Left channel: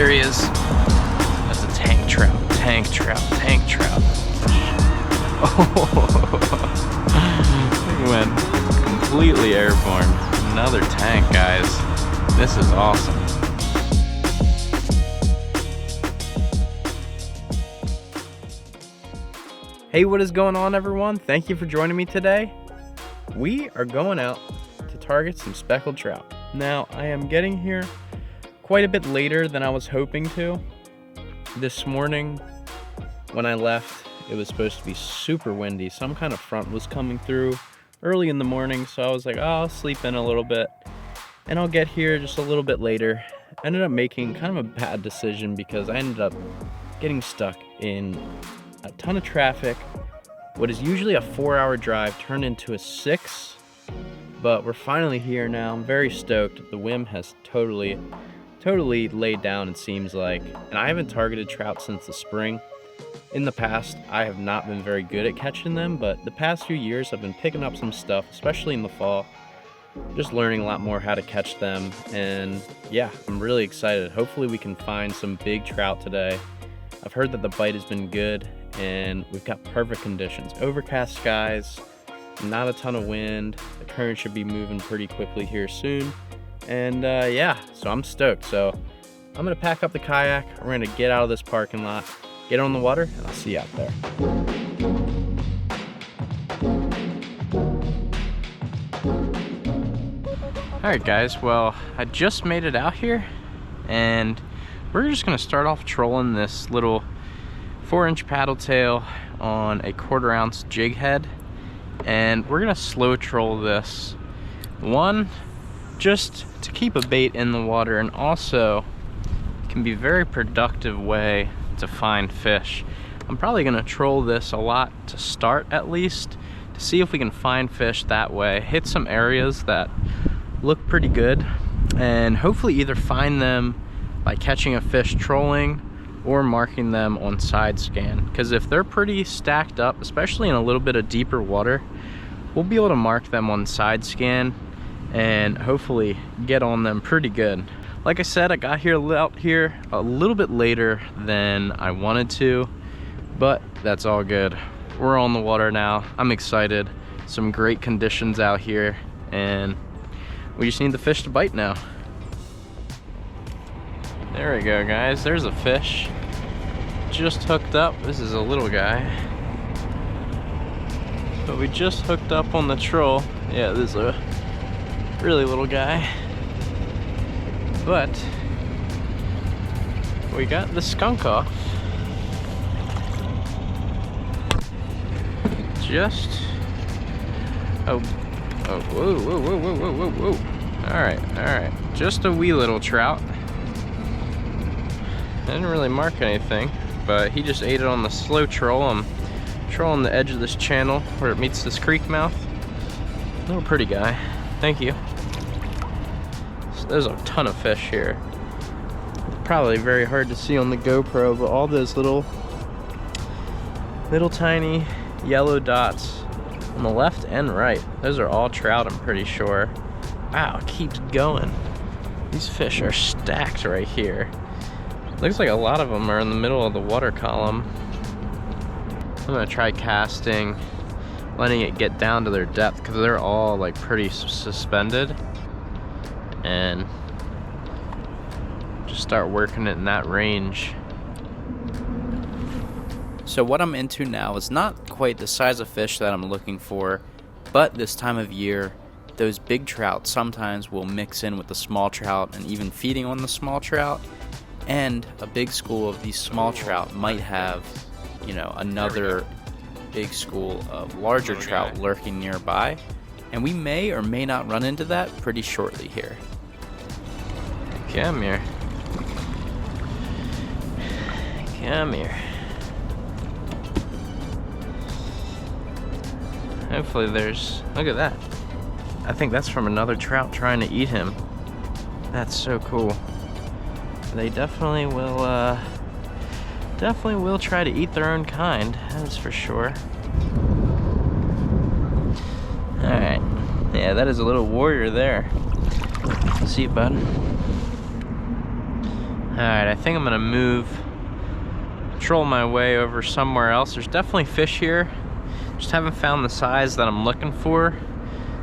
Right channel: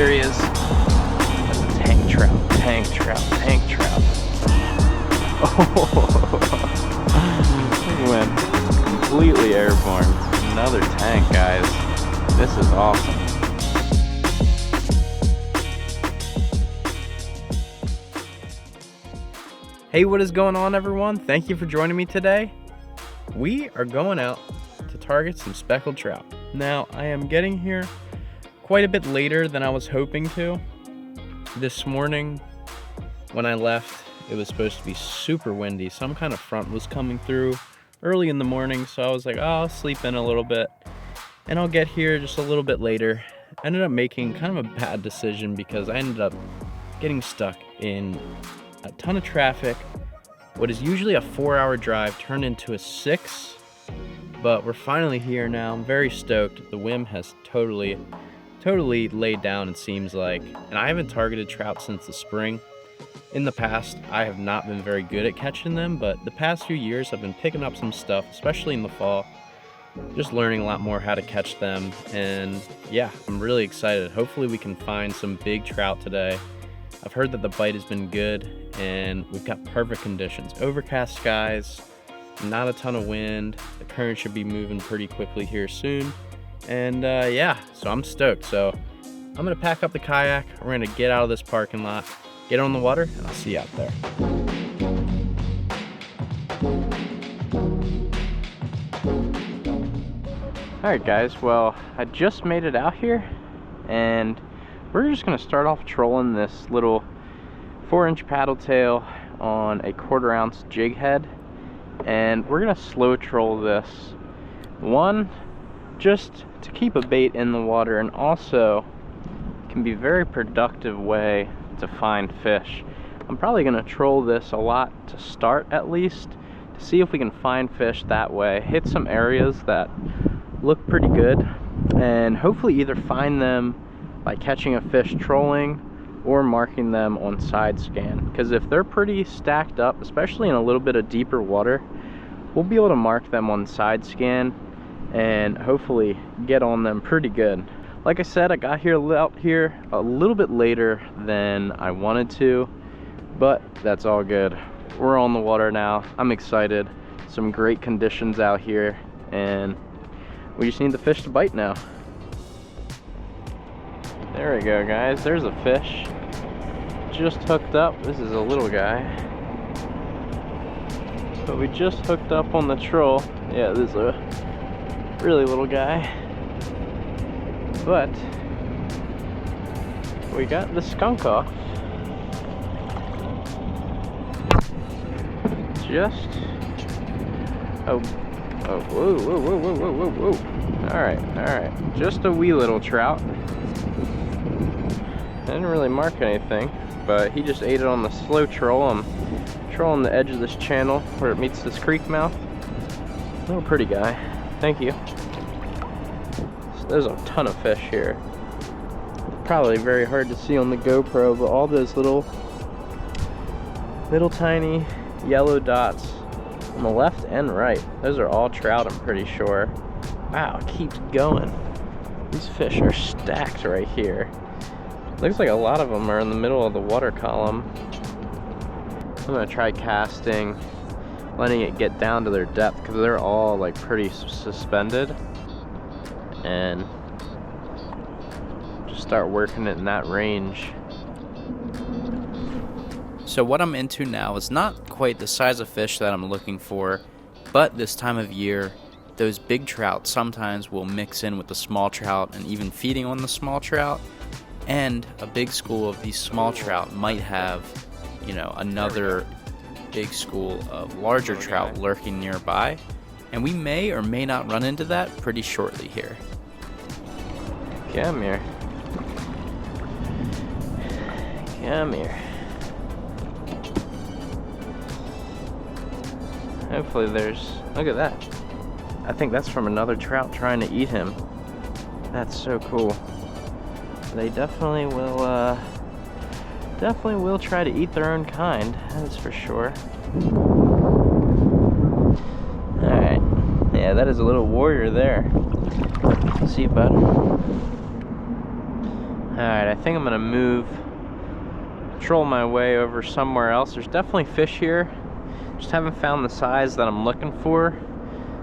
There he is. That's a tank trout, tank trout, tank trout. Oh, he went completely airborne. Another tank, guys. This is awesome. Hey, what is going on, everyone? Thank you for joining me today. We are going out to target some speckled trout. Now, I am getting here quite a bit later than I was hoping to. This morning, when I left, it was supposed to be super windy. Some kind of front was coming through early in the morning, so I was like, oh, I'll sleep in a little bit, and I'll get here just a little bit later. I ended up making kind of a bad decision because I ended up getting stuck in a ton of traffic. What is usually a 4-hour drive turned into a 6, but we're finally here now. I'm very stoked. The whim has totally laid down, it seems like, and I haven't targeted trout since the spring. In the past, I have not been very good at catching them, but the past few years I've been picking up some stuff, especially in the fall, just learning a lot more how to catch them. And yeah, I'm really excited. Hopefully we can find some big trout today. I've heard that the bite has been good, and we've got perfect conditions. Overcast skies, not a ton of wind. The current should be moving pretty quickly here soon. And yeah, so I'm stoked. So I'm gonna pack up the kayak. We're gonna get out of this parking lot, get on the water, and I'll see you out there. All right, guys, well, I just made it out here, and we're just gonna start off trolling this little 4-inch paddle tail on a 1/4 ounce jig head, and we're gonna slow troll this. One, just to keep a bait in the water, and also can be a very productive way to find fish. I'm probably gonna troll this a lot to start, at least, to see if we can find fish that way, hit some areas that look pretty good, and hopefully either find them by catching a fish trolling or marking them on side scan. Because if they're pretty stacked up, especially in a little bit of deeper water, we'll be able to mark them on side scan and hopefully get on them pretty good. Like I said, I got out here a little bit later than I wanted to, but that's all good. We're on the water now. I'm excited. Some great conditions out here, and we just need the fish to bite now. There we go, guys. There's a fish. Just hooked up. This is a little guy. But we just hooked up on the troll. Yeah, this is a really little guy. But we got the skunk off. Just whoa, whoa, whoa, whoa, whoa, whoa, whoa, whoa. All right. Just a wee little trout. Didn't really mark anything, but he just ate it on the slow troll. I'm trolling the edge of this channel where it meets this creek mouth. Little pretty guy. Thank you. So there's a ton of fish here. Probably very hard to see on the GoPro, but all those little tiny yellow dots on the left and right, those are all trout, I'm pretty sure. Wow, it keeps going. These fish are stacked right here. Looks like a lot of them are in the middle of the water column. I'm gonna try casting, letting it get down to their depth, because they're all like pretty suspended, and just start working it in that range. So what I'm into now is not quite the size of fish that I'm looking for, but this time of year, those big trout sometimes will mix in with the small trout, and even feeding on the small trout. And a big school of these small trout might have, you know, another big school of larger trout lurking nearby. And we may or may not run into that pretty shortly here. Come here. Come here. Hopefully there's, look at that. I think that's from another trout trying to eat him. That's so cool. They definitely will try to eat their own kind, that is for sure. Alright. Yeah, that is a little warrior there. See you, bud. Alright, I think I'm gonna troll my way over somewhere else. There's definitely fish here. Just haven't found the size that I'm looking for.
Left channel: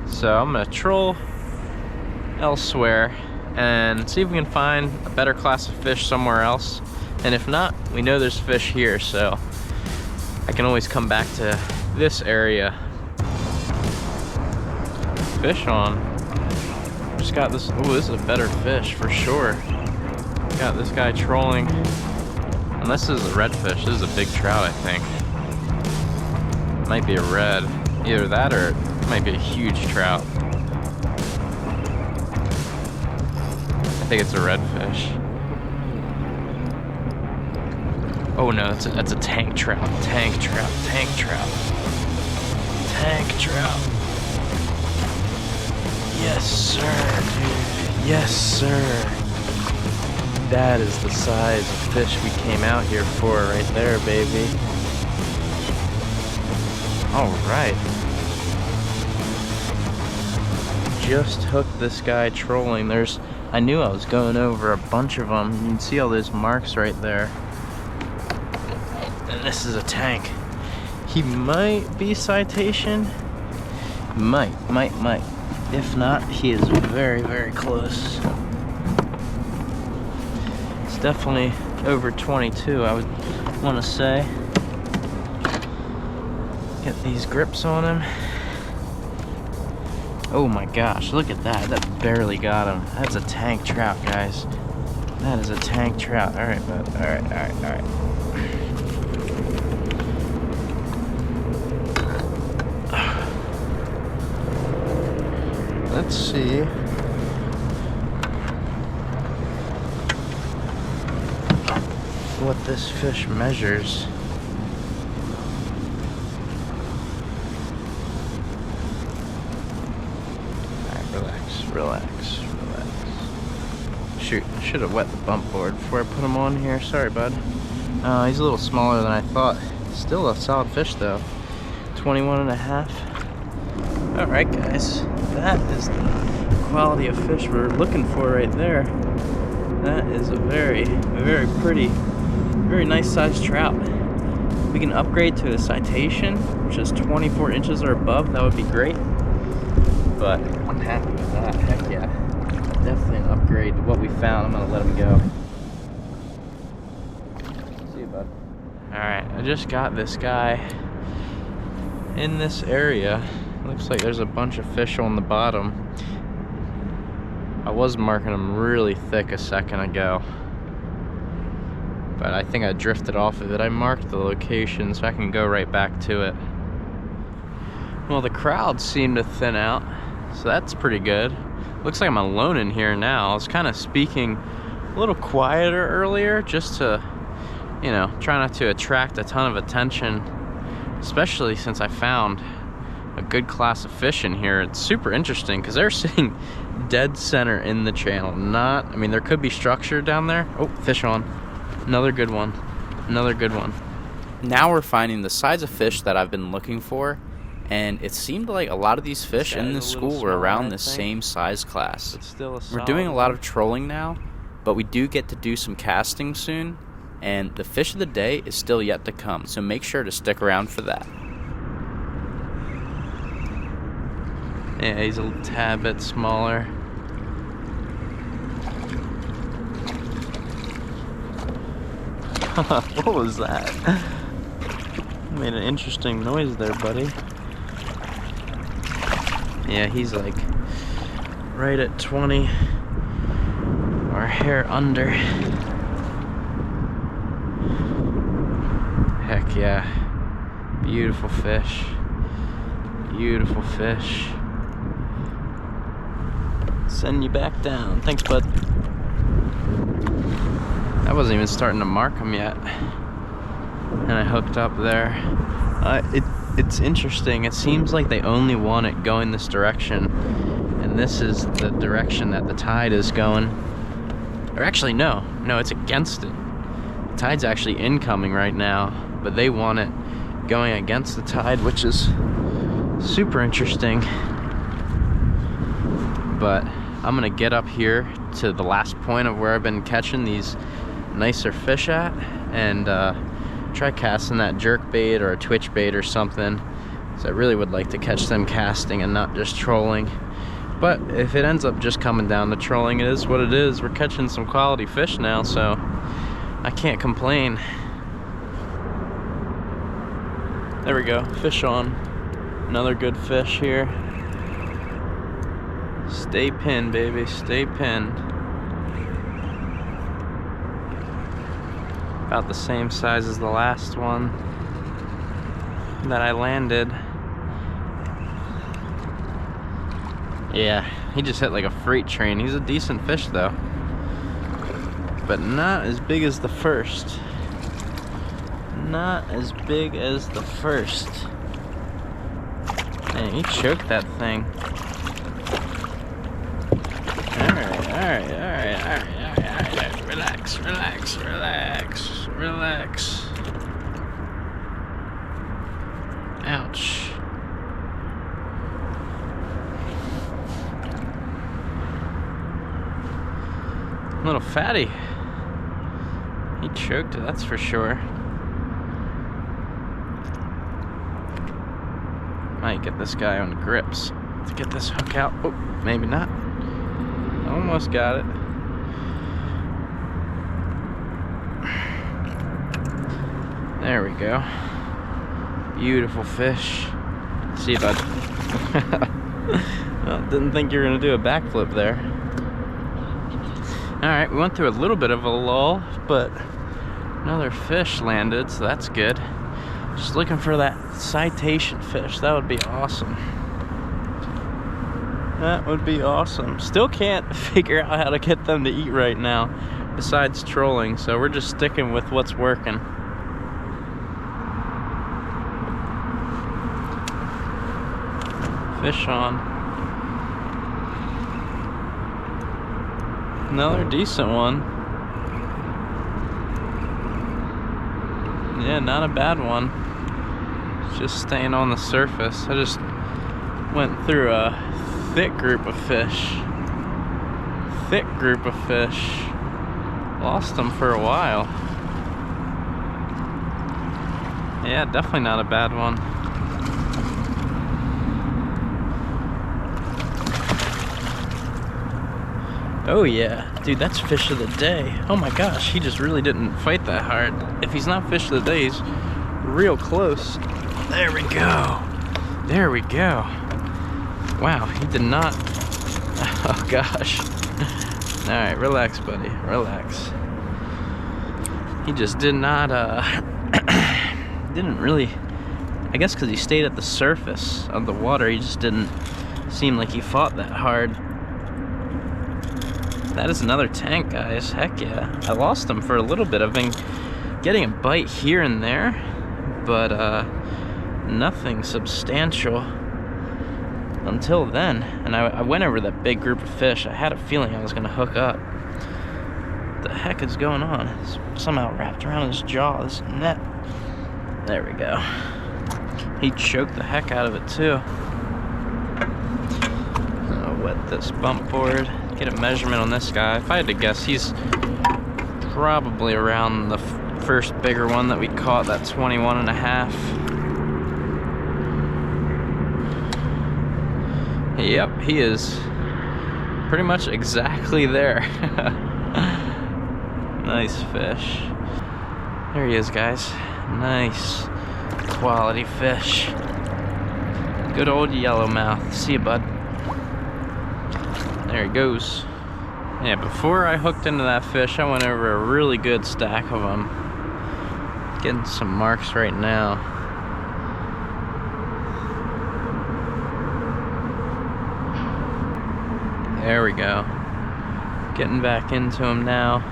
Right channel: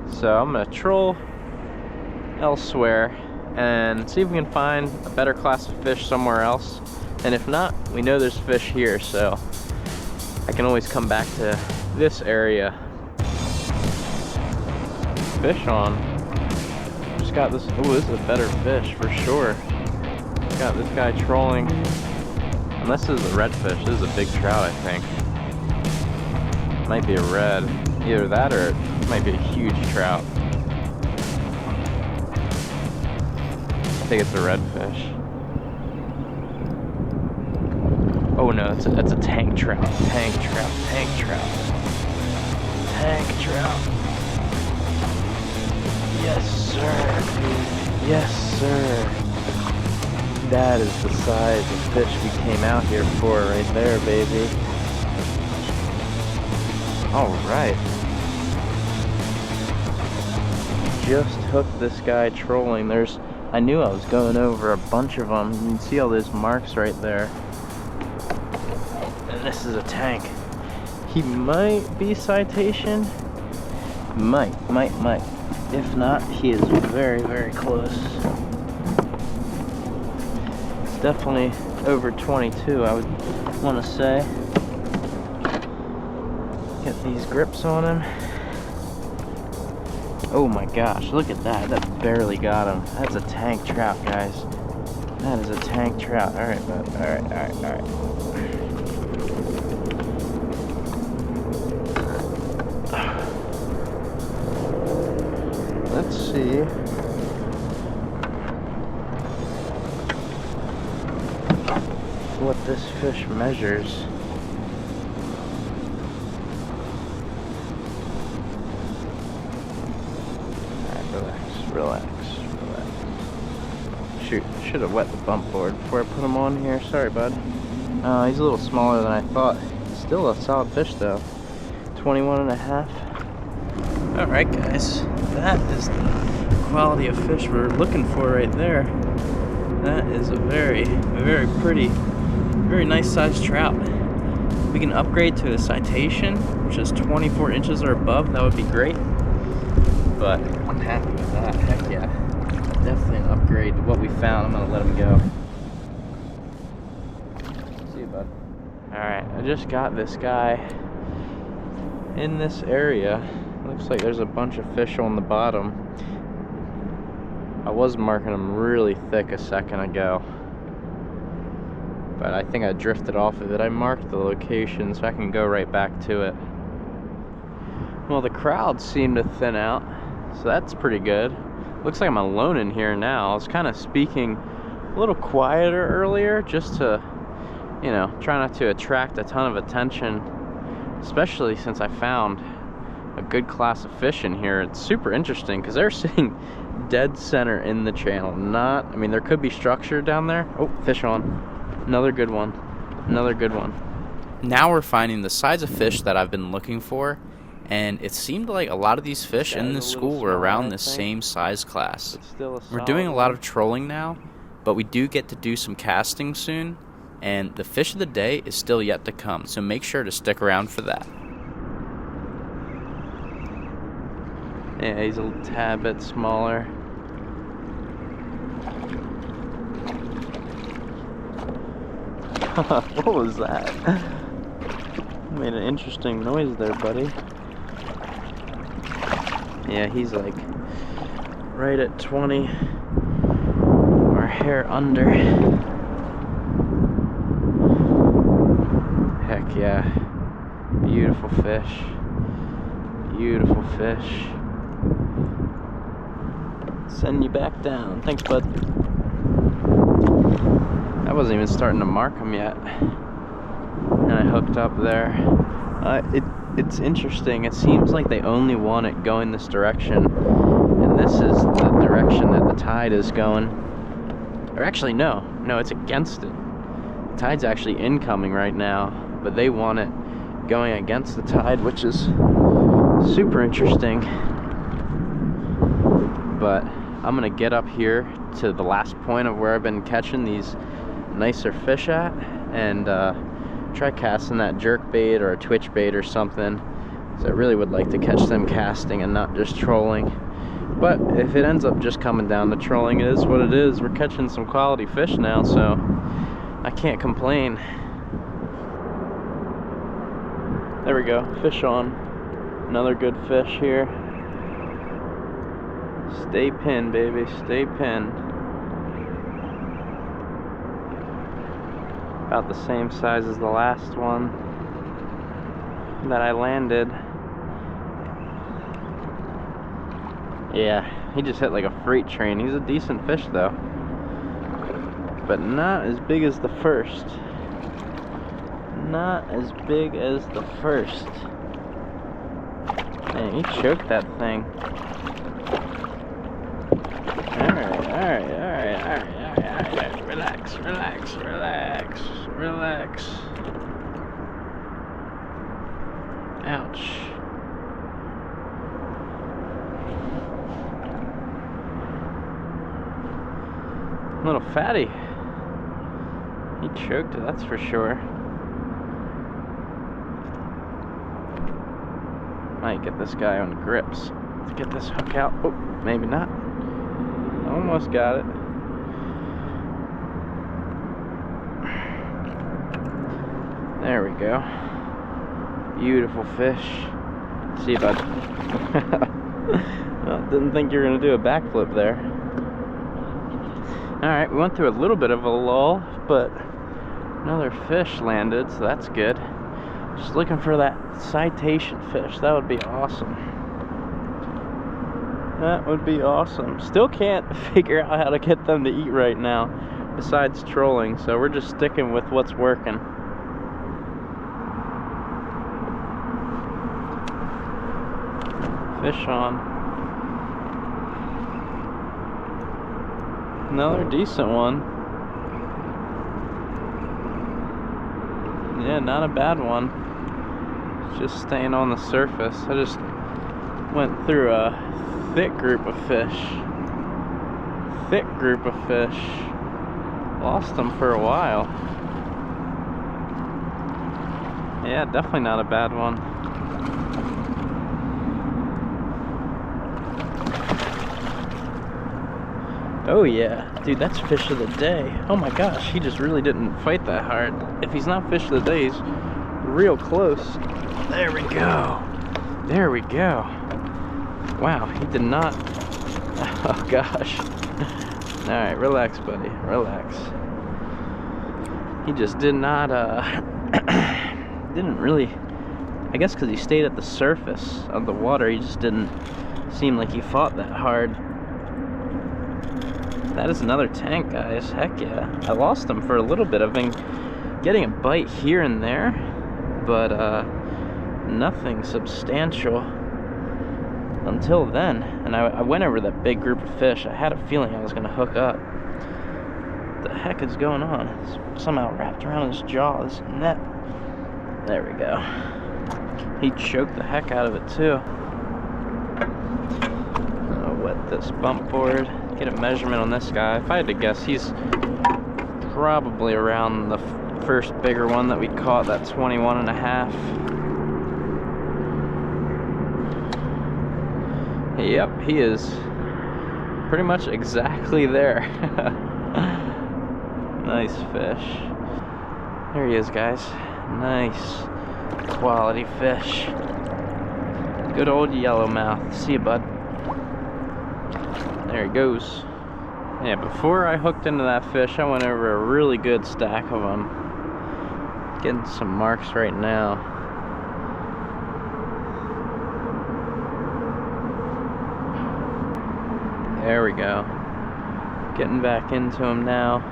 So I'm gonna troll elsewhere and see if we can find a better class of fish somewhere else. And if not, we know there's fish here, so I can always come back to this area. Fish on. Just got this. Oh, this is a better fish for sure. Got this guy trolling. And this is a redfish. This is a big trout, I think. Might be a red. Either that or it might be a huge trout. I think it's a redfish. Oh no, that's a tank trout. Tank trout. Tank trout. Tank trout. Yes, sir, dude. Yes, sir. That is the size of fish we came out here for right there, baby. All right. Just hooked this guy trolling. I knew I was going over a bunch of them. You can see all those marks right there. And this is a tank. He might be citation. Might. If not, he is very, very close. It's definitely over 22, I would want to say. Get these grips on him. Oh my gosh, look at that. That barely got him. That's a tank trout, guys. That is a tank trout. Alright, bud. Alright. Let's see. What this fish measures. Alright, relax. Shoot, I should have wet the bump board before I put him on here. Sorry, bud. He's a little smaller than I thought. Still a solid fish though. 21 and a half. Alright guys, that is the quality of fish we're looking for right there. That is a very, very pretty, very nice sized trout. We can upgrade to a citation, which is 24 inches or above. That would be great. But I'm happy with that. Heck yeah. Definitely an upgrade to what we found. I'm gonna let him go. See you, bud. Alright, I just got this guy in this area. Looks like there's a bunch of fish on the bottom. I was marking them really thick a second ago, but I think I drifted off of it. I marked the location so I can go right back to it. Well, the crowd seemed to thin out, so that's pretty good. Looks like I'm alone in here now. I was kind of speaking a little quieter earlier just to, you know, try not to attract a ton of attention, especially since I found a good class of fish in here. It's super interesting because they're sitting dead center in the channel. I mean, there could be structure down there. Oh, fish on. Another good one. Now we're finding the size of fish that I've been looking for, and it seemed like a lot of these fish in this school were around the same size class. We're doing a lot of trolling now, but we do get to do some casting soon, and the fish of the day is still yet to come, so make sure to stick around for that. Yeah, he's a tad bit smaller. What was that? Made an interesting noise there, buddy. Yeah, he's like right at 20 or a hair under. Heck yeah. Beautiful fish. Beautiful fish. Send you back down. Thanks, bud. I wasn't even starting to mark them yet, and I hooked up there. It's interesting. It seems like they only want it going this direction, and this is the direction that the tide is going. Or actually, no, it's against it. The tide's actually incoming right now, but they want it going against the tide, which is super interesting. But I'm gonna get up here to the last point of where I've been catching these nicer fish at, and try casting that jerk bait or a twitch bait or something. So I really would like to catch them casting and not just trolling. But if it ends up just coming down to trolling, it is what it is. We're catching some quality fish now, so I can't complain. There we go, fish on. Another good fish here. Stay pinned, baby, stay pinned. About the same size as the last one that I landed. Yeah, he just hit like a freight train. He's a decent fish though, but not as big as the first. Not as big as the first. Man, he choked that thing. Alright. Relax. Ouch. Little fatty. He choked it, that's for sure. Might get this guy on grips to get this hook out. Oh, maybe not. Almost got it. There we go. Beautiful fish. See if I well, didn't think you were gonna do a backflip there. Alright, we went through a little bit of a lull, but another fish landed, so that's good. Just looking for that citation fish. That would be awesome. That would be awesome. Still can't figure out how to get them to eat right now, besides trolling, so we're just sticking with what's working. Fish on. Another decent one. Yeah, not a bad one. It's just staying on the surface. I just went through a thick group of fish. Lost them for a while. Yeah, definitely not a bad one. Oh yeah, dude, that's fish of the day. Oh my gosh, he just really didn't fight that hard. If he's not fish of the day, he's real close. There we go. There we go. Wow, he did not. Oh gosh. All right, relax, buddy, relax. He just did not, didn't really, I guess because he stayed at the surface of the water, he just didn't seem like he fought that hard. That is another tank, guys. Heck yeah. I lost him for a little bit. I've been getting a bite here and there, but nothing substantial until then. And I went over that big group of fish. I had a feeling I was going to hook up. What the heck is going on? It's somehow wrapped around his jaw, this net. There we go. He choked the heck out of it too. I'll wet this bump board. Get a measurement on this guy. If I had to guess, he's probably around the first bigger one that we caught, that 21.5. Yep, he is pretty much exactly there. Nice fish. There he is, guys. Nice quality fish. Good old yellowmouth. See you, bud. There he goes. Yeah, before I hooked into that fish, I went over a really good stack of them. Getting some marks right now. There we go. Getting back into them now.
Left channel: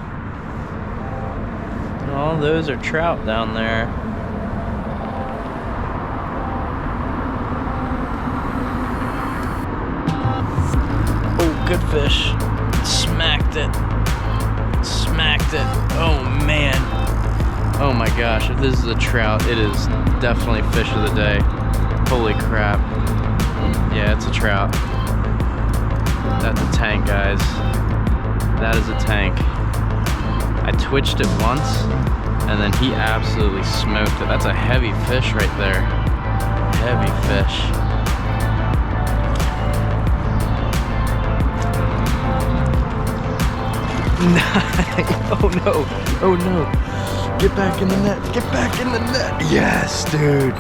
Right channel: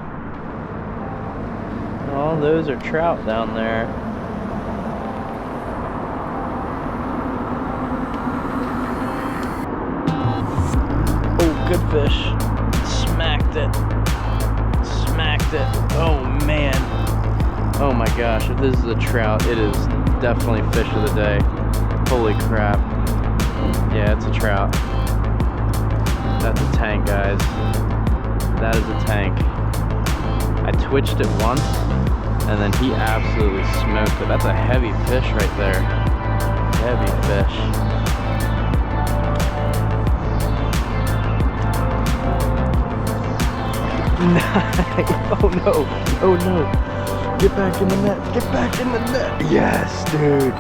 All those are trout down there. Good fish. Smacked it. Oh man. Oh my gosh, if this is a trout, it is definitely fish of the day. Holy crap. Yeah, it's a trout. That's a tank, guys. That is a tank. I twitched it once, and then he absolutely smoked it. That's a heavy fish right there. Heavy fish. Oh no, oh no. Get back in the net, get back in the net. Yes, dude,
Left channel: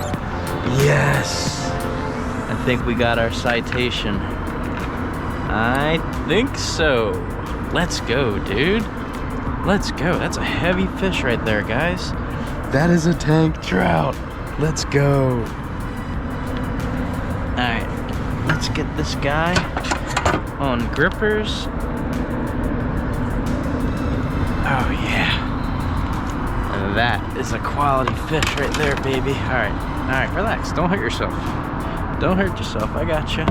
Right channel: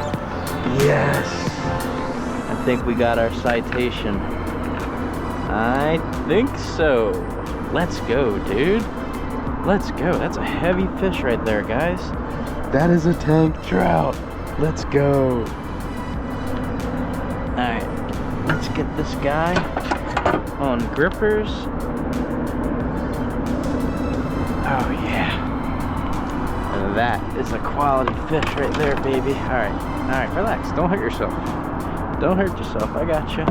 yes. I think we got our citation. I think so. Let's go, dude. Let's go. That's a heavy fish right there, guys. That is a tank trout. Let's go. All right, let's get this guy on grippers. Oh yeah. That is a quality fish right there, baby. All right, relax. Don't hurt yourself. Don't hurt yourself. I got you.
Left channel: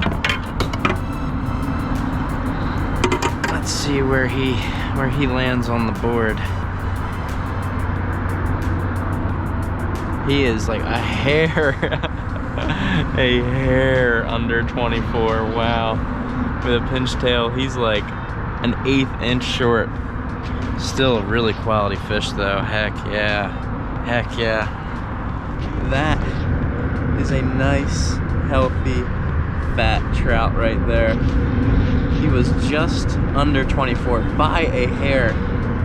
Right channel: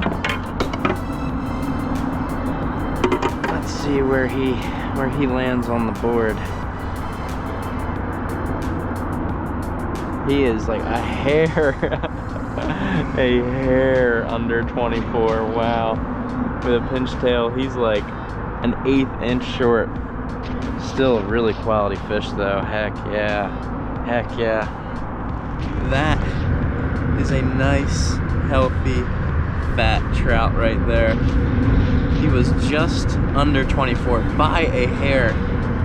Let's see where he lands on the board. He is like a hair, a hair under 24. Wow. With a pinch tail, he's like an 1/8 inch short. Still a really quality fish though. Heck yeah. Heck yeah. That is a nice, healthy, fat trout right there. He was just under 24 by a hair.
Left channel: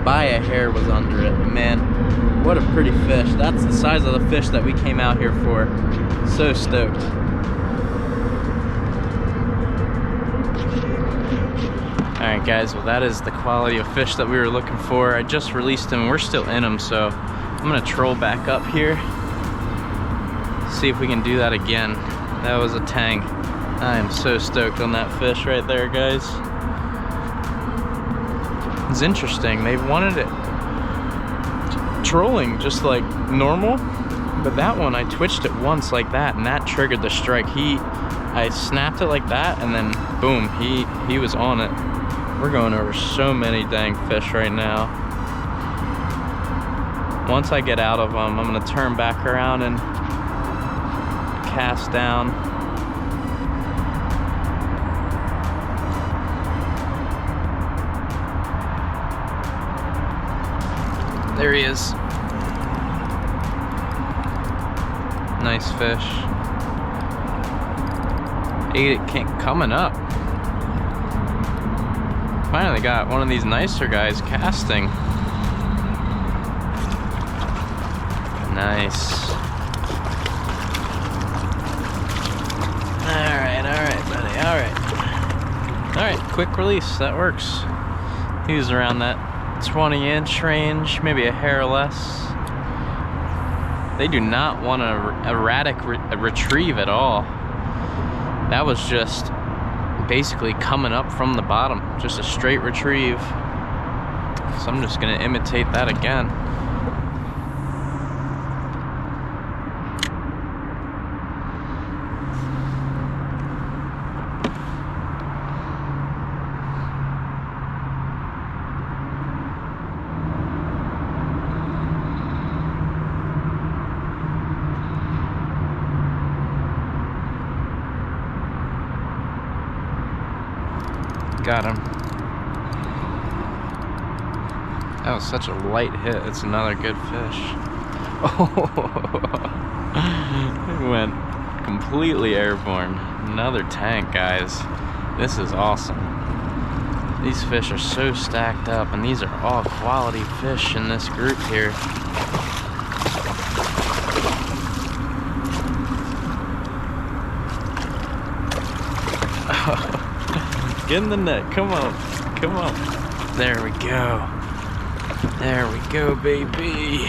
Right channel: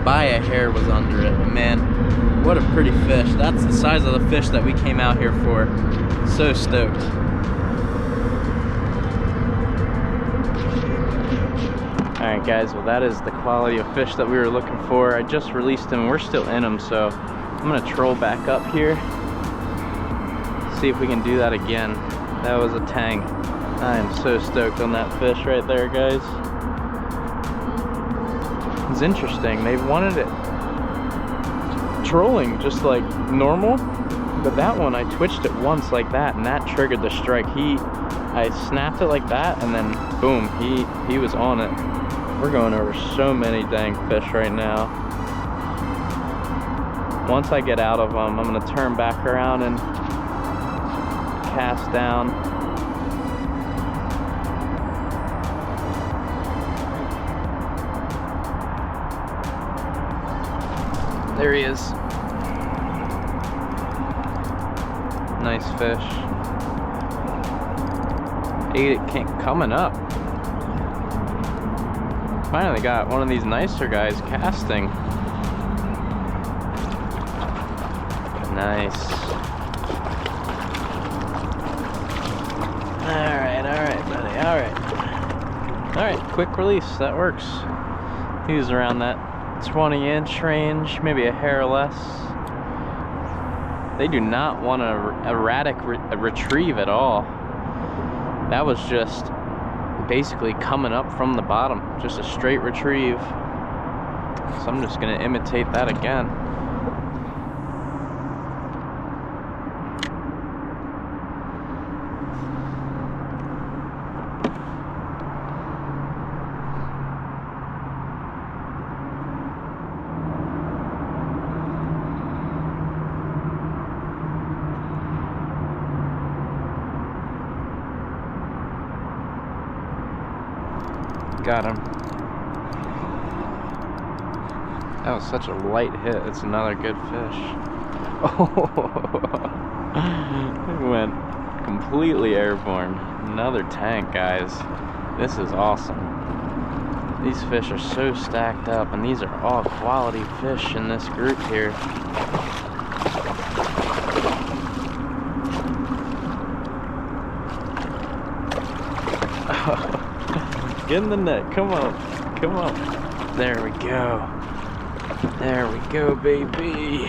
By a hair was under it. Man, what a pretty fish. That's the size of the fish that we came out here for. So stoked. Alright guys, well that is the quality of fish that we were looking for. I just released him. We're still in him, so I'm gonna troll back up here. See if we can do that again. That was a tang. I am so stoked on that fish right there, guys. It's interesting. They wanted it trolling just like normal, but that one I twitched it once like that, and that triggered the strike. I snapped it like that, and then boom, he was on it. We're going over so many dang fish right now. Once I get out of them, I'm gonna turn back around and cast down. There he is. Nice fish. Ate it coming up. Finally got one of these nicer guys casting. Nice. Alright, buddy, alright, quick release, that works. He was around that 20-inch range, maybe a hair less. They do not want an erratic retrieve at all. That was just basically coming up from the bottom, just a straight retrieve. So I'm just gonna imitate that again. Got him. That was such a light hit. It's another good fish. Oh, it went completely airborne. Another tank, guys. This is awesome. These fish are so stacked up, and these are all quality fish in this group here. Get in the net, come on, come on. There we go. There we go, baby.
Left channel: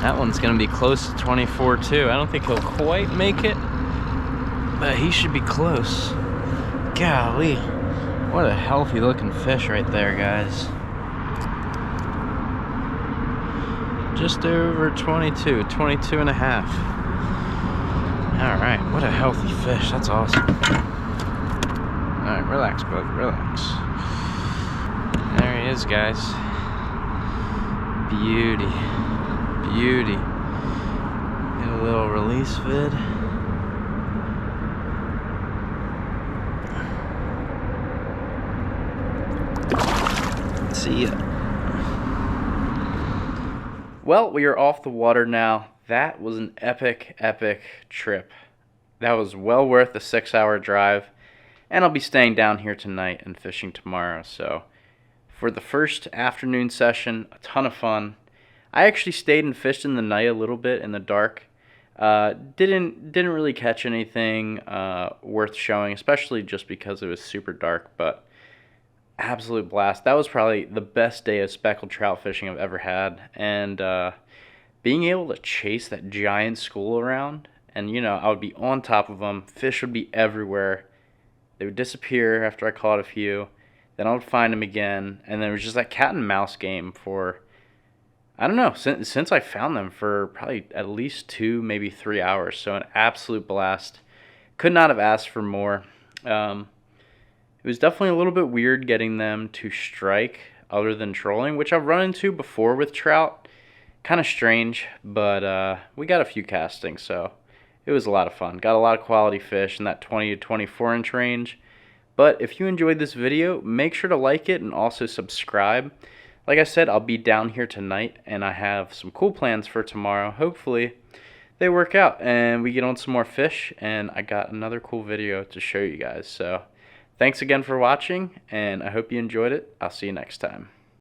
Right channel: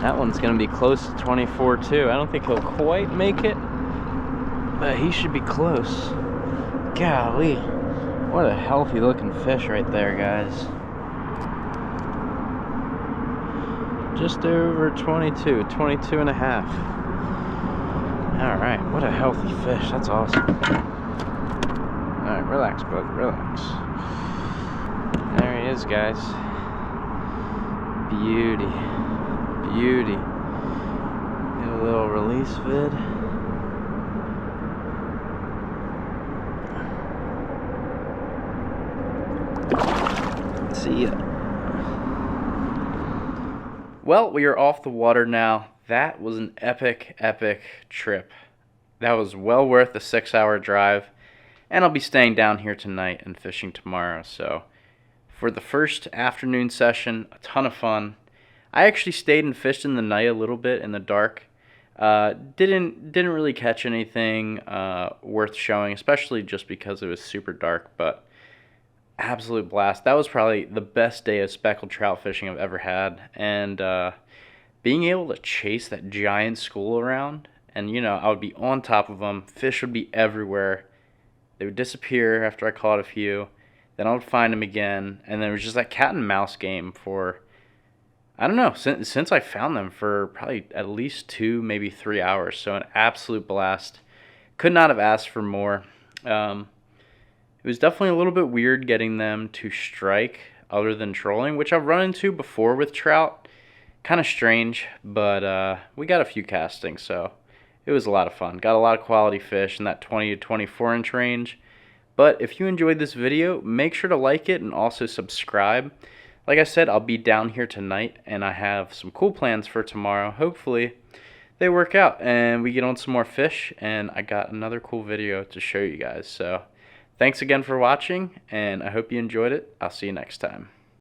That one's gonna be close to 24 too. I don't think he'll quite make it, but he should be close. Golly, what a healthy looking fish right there, guys. Just over 22, 22 and a half. All right, what a healthy fish, that's awesome. All right, relax, bud, relax. There he is, guys. Beauty, beauty. Get a little release vid. See ya. Well, we are off the water now. That was an epic, epic trip. That was well worth the 6-hour drive. And I'll be staying down here tonight and fishing tomorrow. So for the first afternoon session, a ton of fun. I actually stayed and fished in the night a little bit in the dark. Didn't really catch anything worth showing, especially just because it was super dark. But absolute blast. That was probably the best day of speckled trout fishing I've ever had. And being able to chase that giant school around, and I would be on top of them. Fish would be everywhere. They would disappear after I caught a few. Then I would find them again, and then it was just that cat and mouse game for, I don't know, since I found them, for probably at least 2, maybe 3 hours. So an absolute blast. Could not have asked for more. It was definitely a little bit weird getting them to strike other than trolling, which I've run into before with trout. Kind of strange, but we got a few castings, so it was a lot of fun. Got a lot of quality fish in that 20 to 24 inch range. But if you enjoyed this video, make sure to like it and also subscribe. Like I said, I'll be down here tonight, and I have some cool plans for tomorrow. Hopefully they work out and we get on some more fish, and I got another cool video to show you guys. So thanks again for watching, and I hope you enjoyed it. I'll see you next time.